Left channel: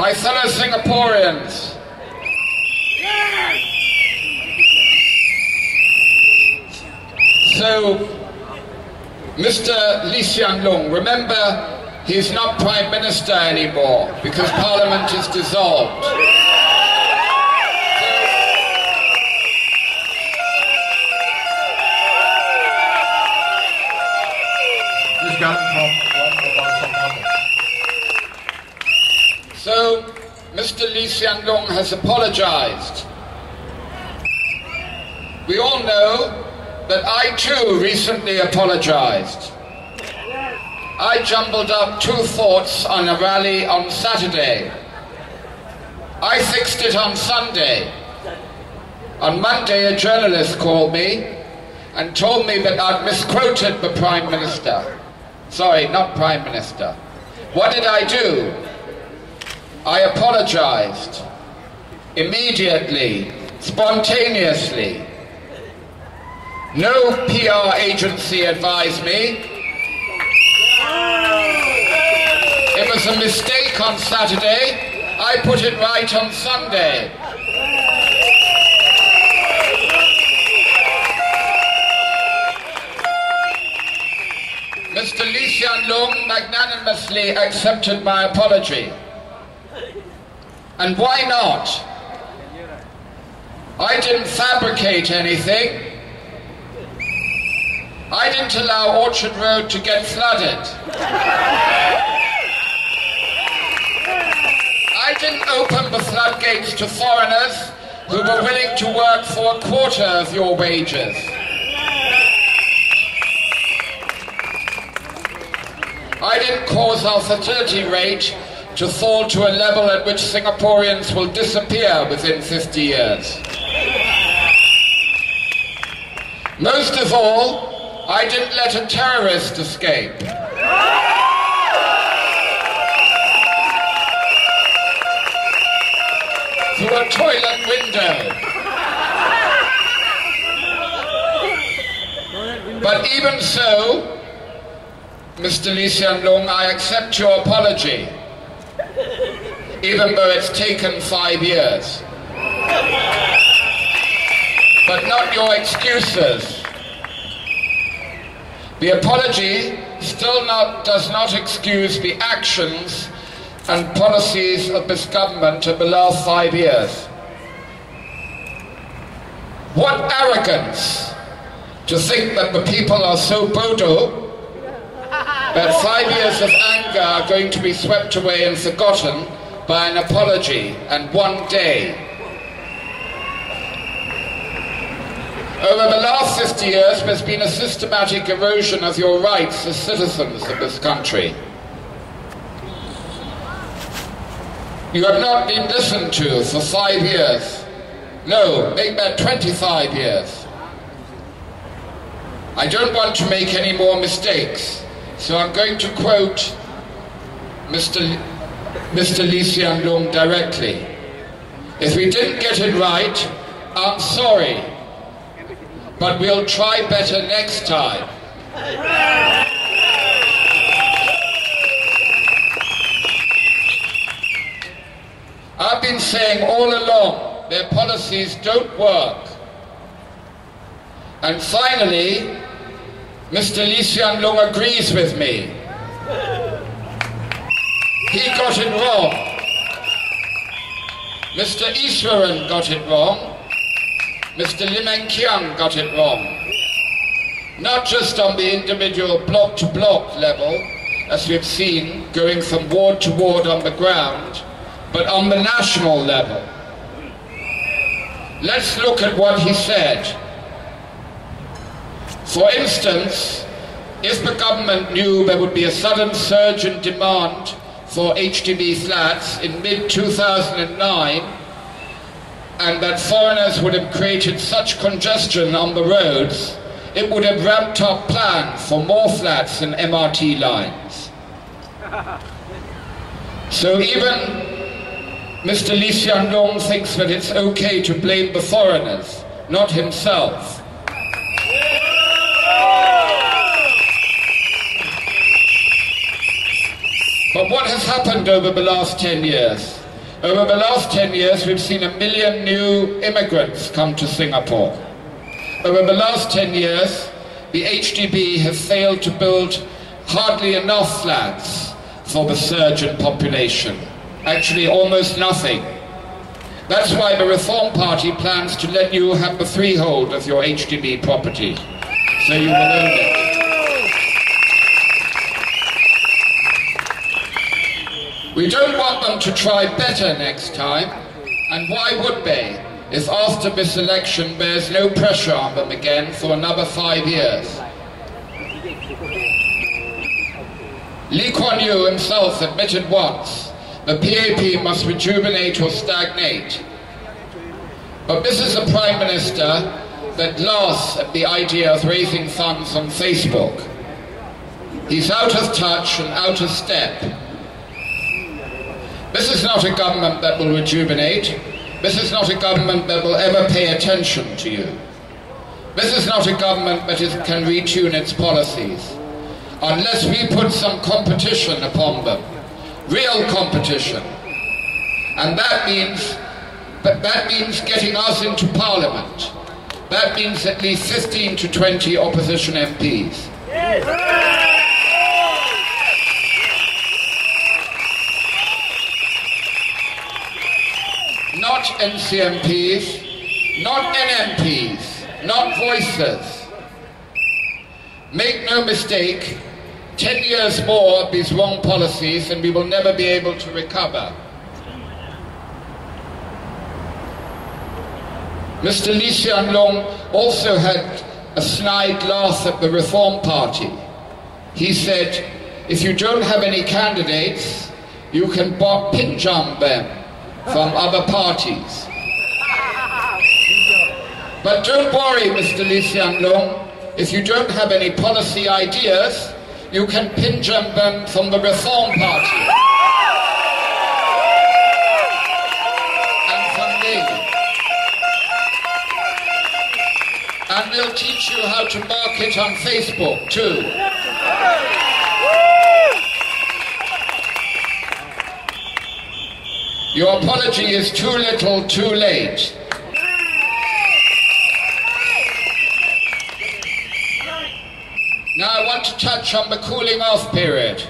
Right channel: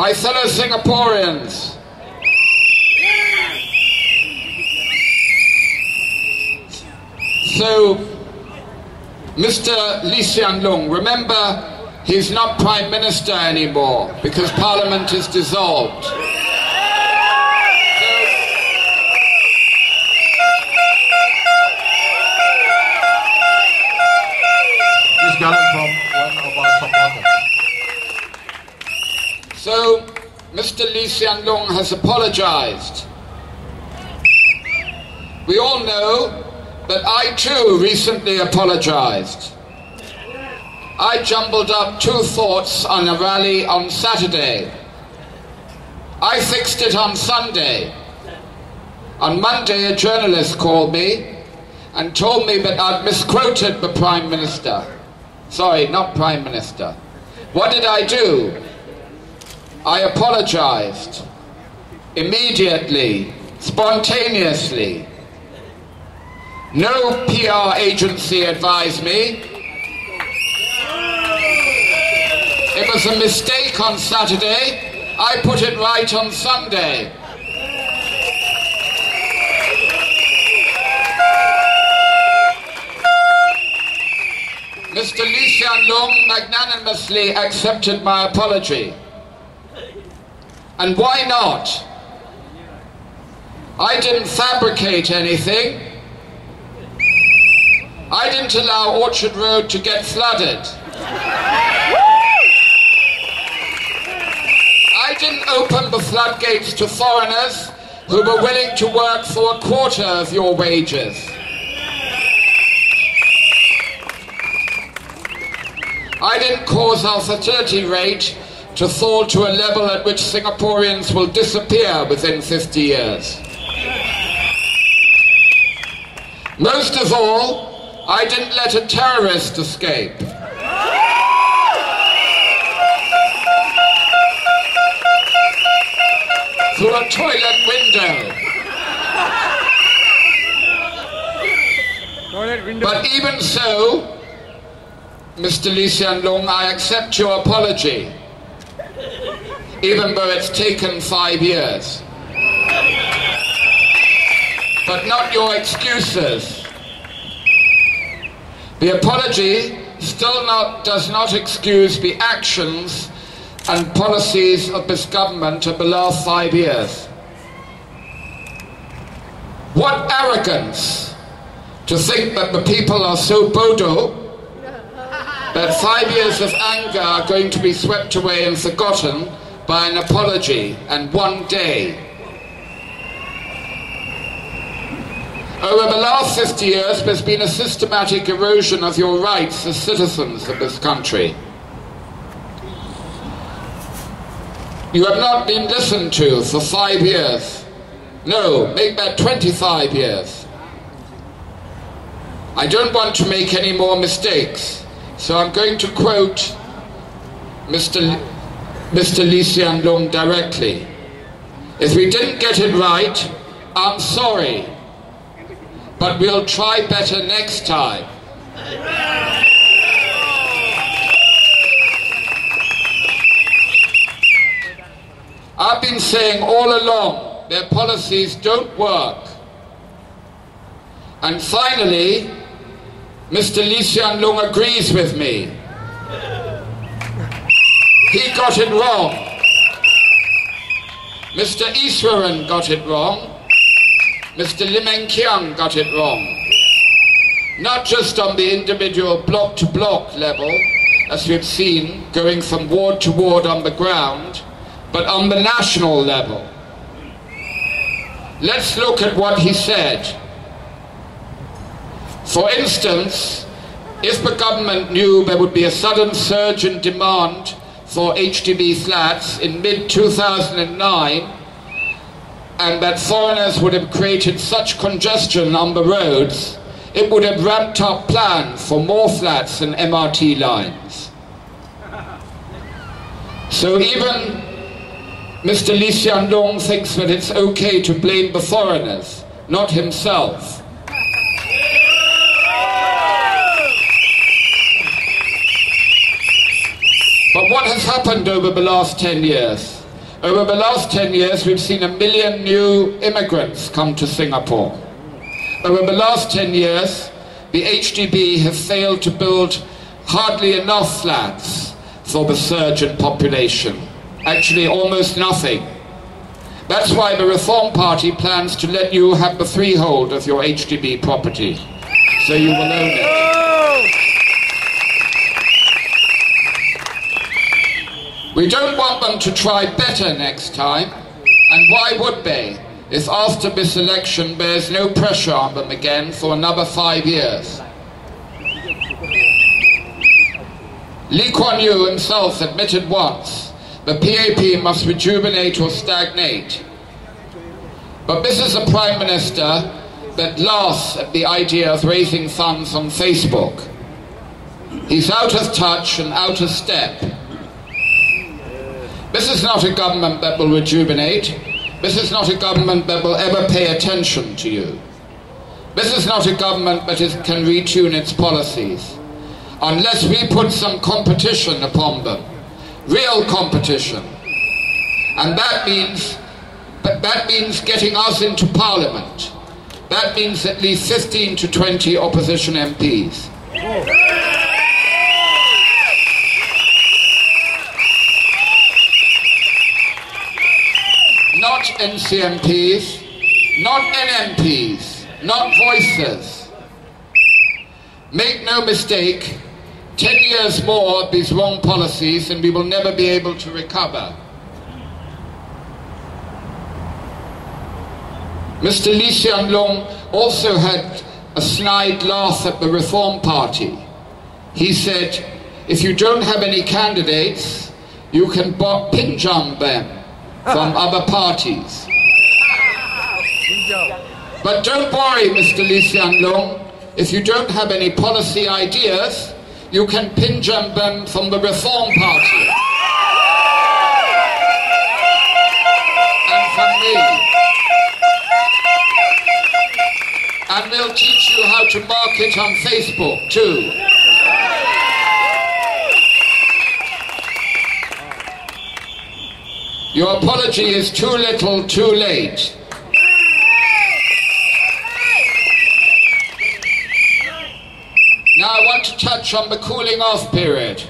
My fellow Singaporeans, so Mr. Lee Hsien Loong, remember he's not Prime Minister anymore because Parliament is dissolved. So, Mr. Lee Hsien Loong has apologized. We all know that I too recently apologized. I jumbled up two thoughts on a rally on Saturday. I fixed it on Sunday. On Monday, a journalist called me and told me that I'd misquoted the Prime Minister. Sorry, not Prime Minister. What did I do? I apologized. Immediately, spontaneously. No PR agency advised me. It was a mistake on Saturday. I put it right on Sunday. Mr. Lee Hsien Loong magnanimously accepted my apology. And why not? I didn't fabricate anything. I didn't allow Orchard Road to get flooded. I didn't open the floodgates to foreigners who were willing to work for a quarter of your wages. I didn't cause our fertility rate to fall to a level at which Singaporeans will disappear within 50 years. Most of all, I didn't let a terrorist escape. Through a toilet window. But even so, Mr. Lee Hsien Loong, I accept your apology, even though it's taken 5 years. But not your excuses. The apology still does not excuse the actions and policies of this government of the last 5 years. What arrogance to think that the people are so bodo that 5 years of anger are going to be swept away and forgotten by an apology and one day. Over the last 50 years, there's been a systematic erosion of your rights as citizens of this country. You have not been listened to for 5 years. No, make that 25 years. I don't want to make any more mistakes, so I'm going to quote Mr. Lee Hsien Loong directly. If we didn't get it right, I'm sorry, but we'll try better next time. I've been saying all along, their policies don't work. And finally, Mr. Lee Hsien Loong agrees with me. He got it wrong. Mr. Iswaran got it wrong. Mr. Lim Eng Kiang got it wrong. Not just on the individual block-to-block level, as we've seen, going from ward to ward on the ground, but on the national level. Let's look at what he said. For instance, if the government knew there would be a sudden surge in demand for HDB flats in mid-2009, and that foreigners would have created such congestion on the roads, it would have ramped up plans for more flats and MRT lines. So even Mr. Lee Hsien Loong thinks that it's okay to blame the foreigners, not himself. But what has happened over the last 10 years? Over the last 10 years, we've seen 1 million new immigrants come to Singapore. Over the last 10 years, the HDB have failed to build hardly enough flats for the surge in population. Actually, almost nothing. That's why the Reform Party plans to let you have the freehold of your HDB property, so you will own it. We don't want them to try better next time, and why would they, if after this election there's no pressure on them again for another 5 years? Lee Kuan Yew himself admitted once the PAP must rejuvenate or stagnate. But this is a Prime Minister that laughs at the idea of raising funds on Facebook. He's out of touch and out of step. This is not a government that will rejuvenate. This is not a government that will ever pay attention to you. This is not a government that can retune its policies. Unless we put some competition upon them, real competition. And that means getting us into Parliament. That means at least 15 to 20 opposition MPs. Not NCMPs, not NMPs, not voices. Make no mistake, 10 years more of these wrong policies and we will never be able to recover. Mr. Lee Hsien Loong also had a snide laugh at the Reform Party. He said, if you don't have any candidates, you can pinjam them from other parties. But don't worry, Mr. Lee Hsien Loong, if you don't have any policy ideas, you can pinjam them from the Reform Party. And from me. And we'll teach you how to market on Facebook too. Your apology is too little, too late. Now I want to touch on the cooling off period.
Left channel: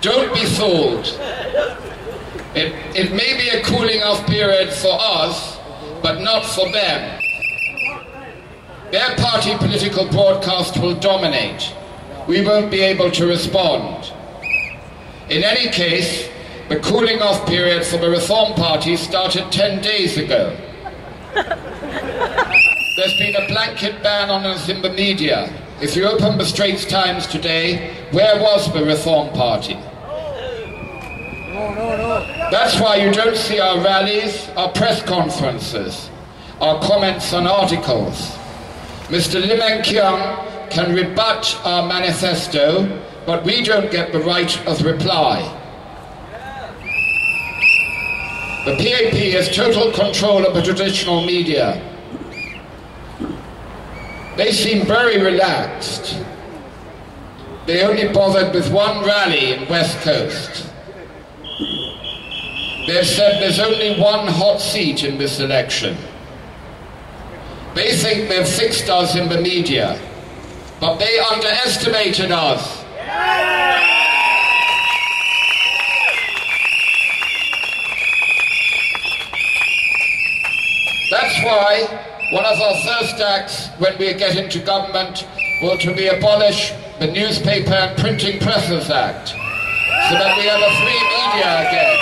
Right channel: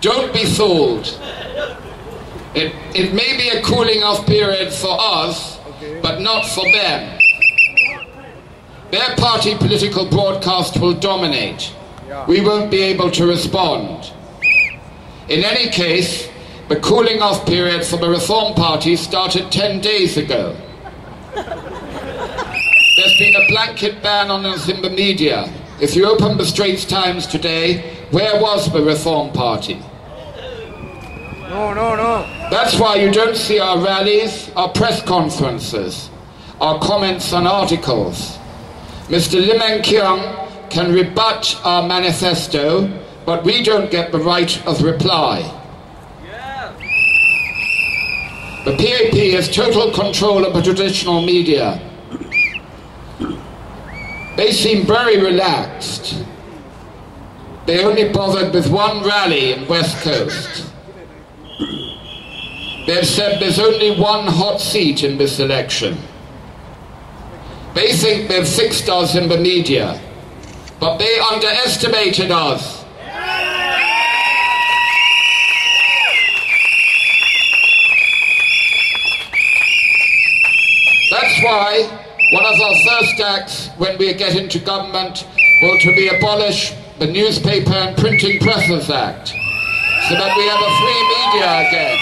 Don't be fooled. It may be a cooling off period for us, but not for them. Their party political broadcast will dominate. We won't be able to respond. In any case, the cooling off period for the Reform Party started 10 days ago. There's been a blanket ban on us in the media. If you open the Straits Times today, where was the Reform Party? No. That's why you don't see our rallies, our press conferences, our comments on articles. Mr. Lim Eng Kiang can rebut our manifesto, but we don't get the right of reply. The PAP has total control of the traditional media. They seem very relaxed. They only bothered with one rally in West Coast. They've said there's only one hot seat in this election. They think they've fixed us in the media, but they underestimated us. That's why one of our first acts when we get into government will to be abolish the Newspaper and Printing Presses Act, so that we have a free media again.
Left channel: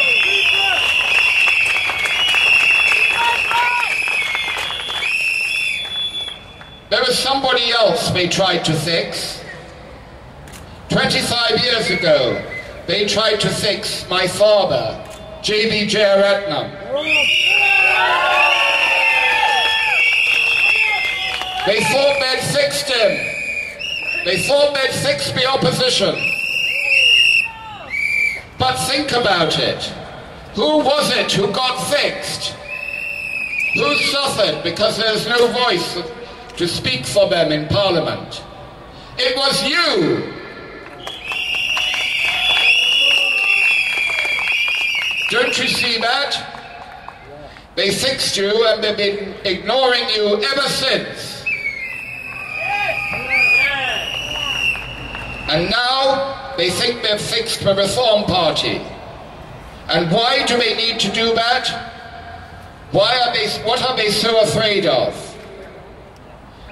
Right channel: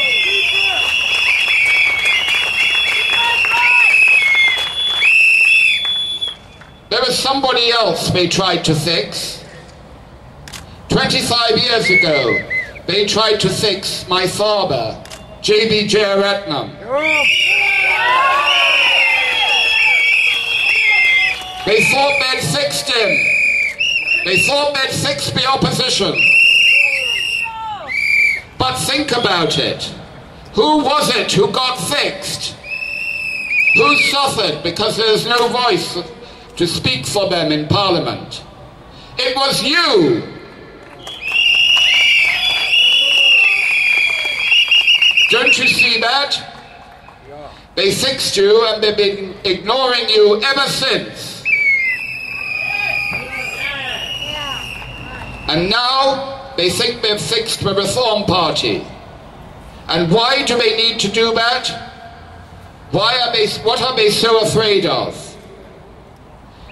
There was somebody else they tried to fix. 25 years ago, they tried to fix my father, Kenneth Jeyaretnam. They thought they'd fixed him. They thought they'd fixed the opposition. But think about it. Who was it who got fixed? Who suffered because there's no voice to speak for them in Parliament? It was you. Don't you see that? They fixed you and they've been ignoring you ever since. And now they think they've fixed the Reform Party. And why do they need to do that? What are they so afraid of?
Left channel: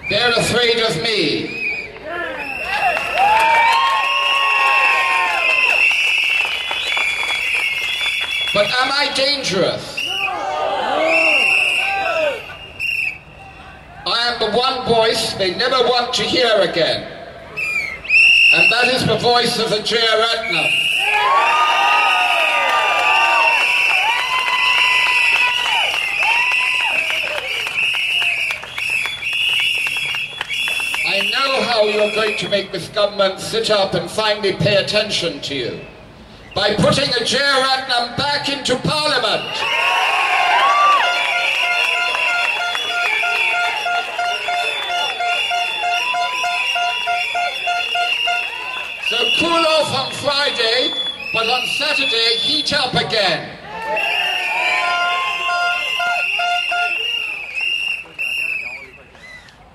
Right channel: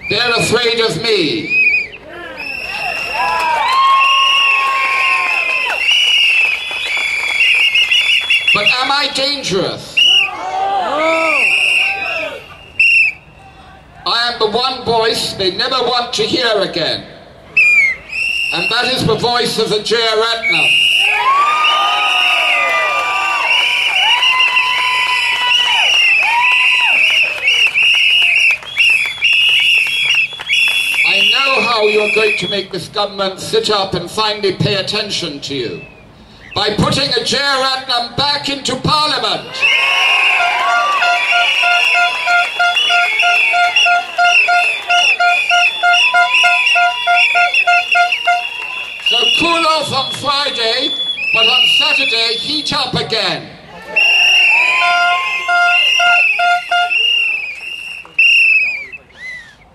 They're afraid of me. But am I dangerous? I am the one voice they never want to hear again. And that is the voice of the Jeyaretnam. I know how you're going to make this government sit up and finally pay attention to you. By putting a Jeyaretnam back into Parliament. So cool off on Friday, but on Saturday heat up again.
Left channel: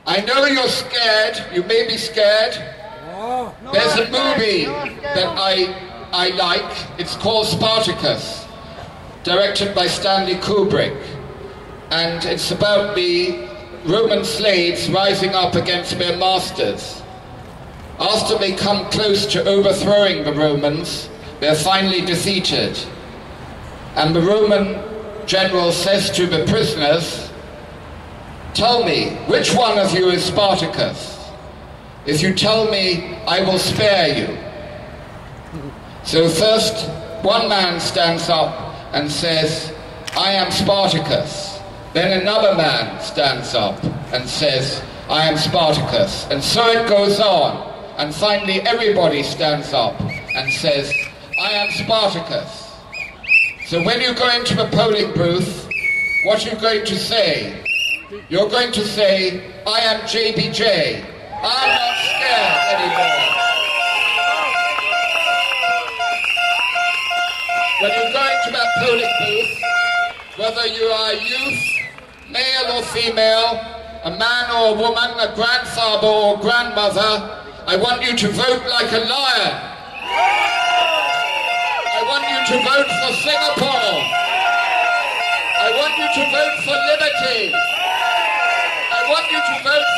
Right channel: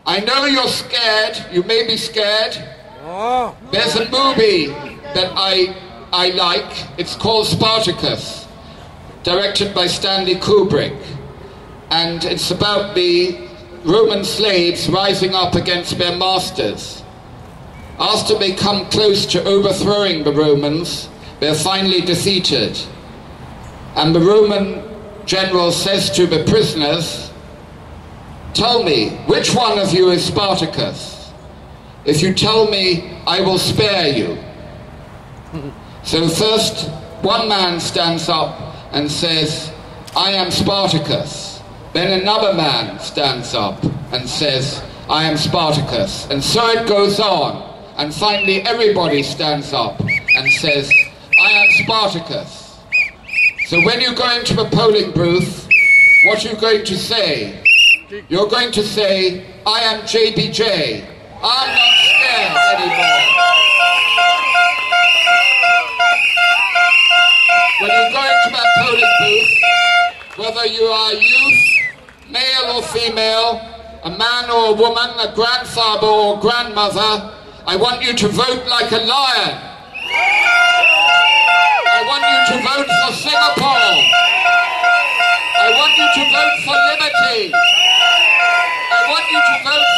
I know you're scared, you may be scared. There's a movie that I like, it's called Spartacus, directed by Stanley Kubrick, and it's about the Roman slaves rising up against their masters. After they come close to overthrowing the Romans, they're finally defeated, and the Roman general says to the prisoners, "Tell me, which one of you is Spartacus? If you tell me, I will spare you." So first, one man stands up and says, "I am Spartacus." Then another man stands up and says, "I am Spartacus." And so it goes on. And finally everybody stands up and says, "I am Spartacus." So when you go into the polling booth, what are you going to say? You're going to say, "I am JBJ. I'm not scared anymore." When you go into that polling booth, whether you are youth, male or female, a man or a woman, a grandfather or grandmother, I want you to vote like a lion. I want you to vote for Singapore. I want you to vote for liberty. I want you to vote